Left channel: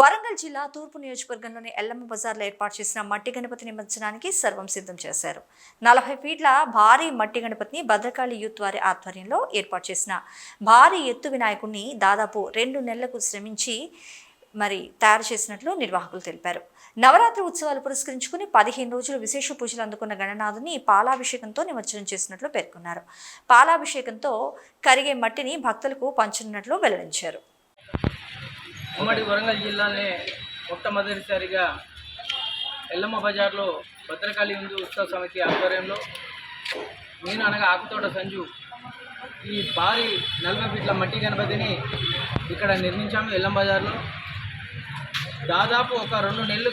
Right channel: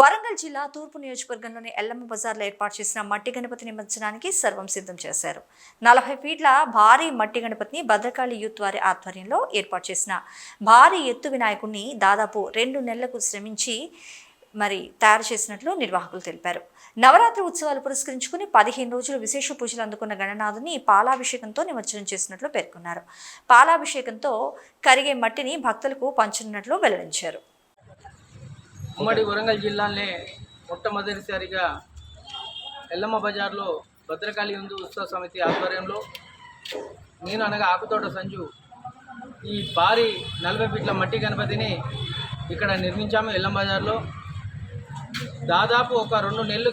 వరంగల్ జిల్లా తూర్పు నియోజకవర్గంలోని ఎల్లమ్మ బజార్లో ఏర్పాటు చేసిన మట్టి గణపతి నిమజ్జనానికి సర్వం సిద్ధం చేశారు. 40 ఫీట్ల భారీ మట్టి గణపతిని భద్రకాళి యూత్ వారి ఆధ్వర్యంలో ఏర్పాటు చేసిన భారీ ఎత్తు వినాయకుడిని దాదాపు 2 నెలలకు శ్రమించి తయారు చేసినట్లు నిర్వాహకులు తెలిపారు. నవరాత్రి ఉత్సవాలు పురస్కరించుకుని 15 రోజులు విశేష పూజలు అందుకున్న గణనాథుని పాలాభిషేకంతో నిమజ్జనం చేసినట్లు పేర్కొన్నారు. పాలాభిషేకంతో కరిగే మట్టిని భక్తులకు పంచనున్నట్లు వెల్లడించారు. ఉమ్మడి వరంగల్ జిల్లాలోనే మొట్టమొదటిసారిగా ఎల్లమ్మ బజార్లో భద్రకాళి హిందూ ఉత్సవ సమితి ఆధ్వర్యంలో నేను అనగా ఆకుతోట సంజు ఈ భారీ 40 ఫీట్ల మట్టి గణపతిని ఇక్కడ నిర్మించాము. ఎల్లమ్మ బజార్లో దాదాపు ఒక 2 నెలలు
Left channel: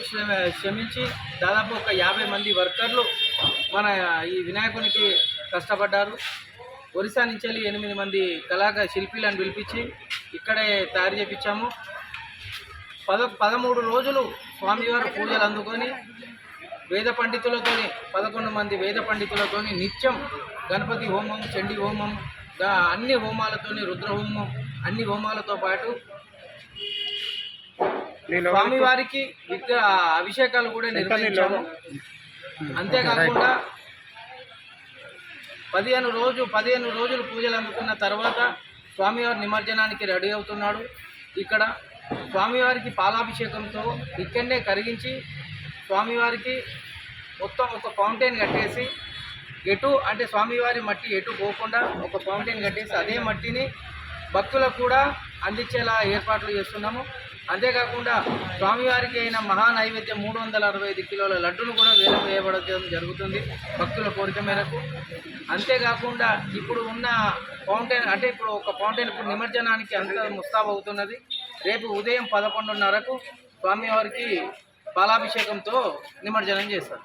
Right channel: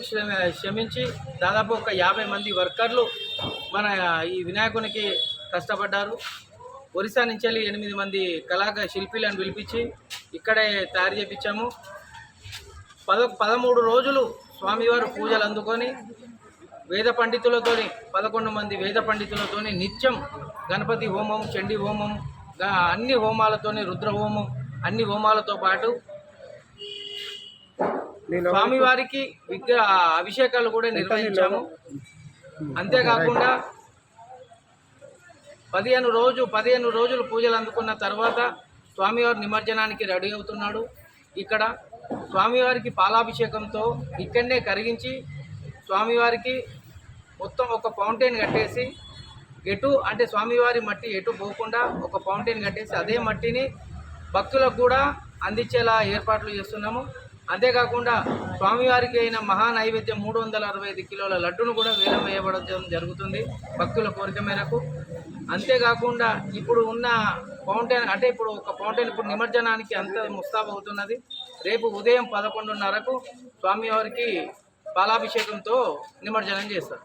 శ్రమించి దాదాపు ఒక 50 మంది వర్కర్లు మన ఈ వినాయకునికి కష్టపడ్డారు. ఒరిస్సా నుంచి 8 మంది శిల్పీలను పిలిపించి ఇక్కడే తయారు చేయించాము. 13 రోజులు స్వామివారు పూజలు అందుకొని వేద పండితులతోని 11 మంది వేద పండితులతోని నిత్యం గణపతి హోమం, చండీ హోమం, అన్ని హోమాలతోని రుద్ర హోమం, అన్ని హోమాలతో పాటు స్వామివారికి అభిషేకాలు కూడా నిర్వహించాము. అంతేకాకుండా 15 రోజులు పూజలు అందుకున్న తర్వాత స్వామివారి నిమజ్జనానికి రెడీ అవుతున్నాడు. ఇక్కడ స్వామివారికి పాలాభిషేకంతో ఇక్కడనే కరిగించి స్వామివారికి మొత్తం ఒక ఫౌంటైన్ కట్టేసి అంటే స్వామివారి మట్టి ఎటు పోకుండా ఒక ఫౌంటైన్ కట్టేసి అదే మట్టిని భక్తులకు కూడా అందించేలా ఏర్పాట్లు చేస్తున్నాము. అంతేకాకుండా స్వామివారికి అయిన మహా నైవేద్యం 365 కిలోల లడ్డును కూడా వేలం వేయబడడం జరుగుతుంది భక్తుల కోరిక మేరకు. అంతేకాకుండా ఇప్పుడు ఉన్న ఫౌంటైన్ ఇప్పుడు ఒక ఫౌంటైన్ ఇప్పుడు నిమజ్జనానికి అంత ముస్తాబు అవుతున్నది. రేపు ఉదయం 11:30కు స్వామివారికి పాలాభిషేకంతో నిమజ్జనం చేస్తారు.